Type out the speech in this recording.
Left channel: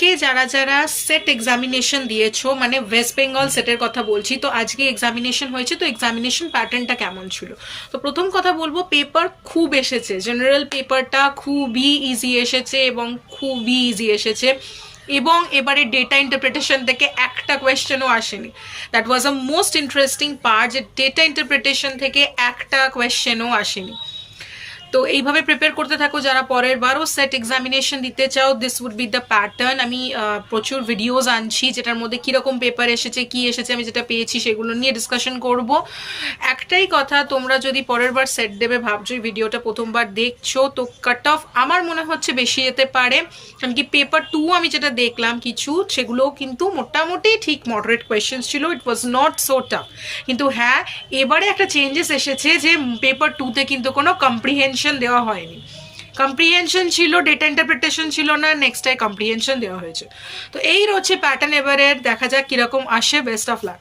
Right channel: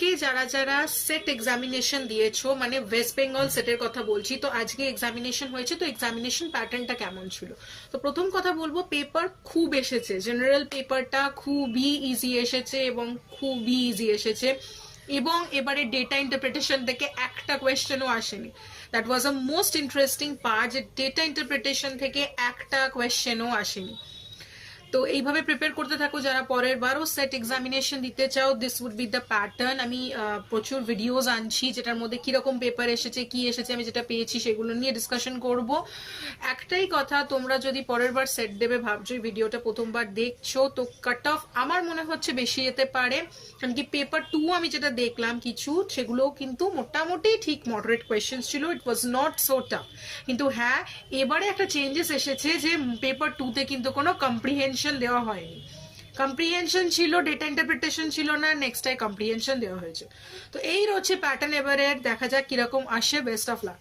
আজকে যারা যারা সেট এক্সামিনেশন দিয়েছো, মানে ওয়েস্ট বেঙ্গল সেটের কথা বলছি, তো আজকে এক্সামিনেশন হয়েছে, তো এক্সামিনেশন প্যাটার্নটা কেমন ছিল? তো প্রথম কথা বলবো, পেপার খুব এসেছে, জেনারেল পেপারটা খুবই ইজি এসেছে এবং খুবই ইজি এসেছে। এবং এবারে ডেটা ইন্টারপ্রিটেশন থেকে একটা কোয়েশ্চেনও আসেনি। That was a most interesting part, যে ডেটা ইন্টারপ্রিটেশন থেকে একটা কোয়েশ্চেনও আসেনি। তো এইভাবে প্রিপেয়ার করতে থাকো, যারা পরের বারও সেট এক্সামিনেশন দিতে চাও, this would be the pattern. আমি প্রচুর ভিডিওস আনছি যেটার মধ্যে কীরকম পেপার এসেছে, কি এসেছে, আমি যেটা পেয়েছি সেগুলো নিয়ে ডিসকাশন করব। একটাই কথা, তোমরা যদি পরের বার সেট দেবে ভাবছো, এই ভিডিওটা প্রথমবার দেখছো, তো কাট অফ আমার মনে হচ্ছে বেশি যেতে পারে। কারণ কি পেপার 2 আমি যেটা দেখলাম কিছু, সেগুলোও কিন্তু মোটামুটি ঠিক মডারেট কোয়েশ্চেন্স ছিল, ইট ওয়াজ নট সো টাফ। কিন্তু হ্যাঁ, এবারে একটা চেঞ্জেস এসেছে যে পেপার 2তে কিন্তু কোনো কম্প্রিহেনশন দেওয়া হয়নি। কম্প্রিহেনশন ছিল, ডেটা ইন্টারপ্রিটেশন ছিল না, নেক্সট টাইম কম্প্রিহেনশন দেওয়া হয়েছে। তো এই রয়েছে প্যাটার্ন, এবারে দেখা যাক কিরকম আসে। Best of luck.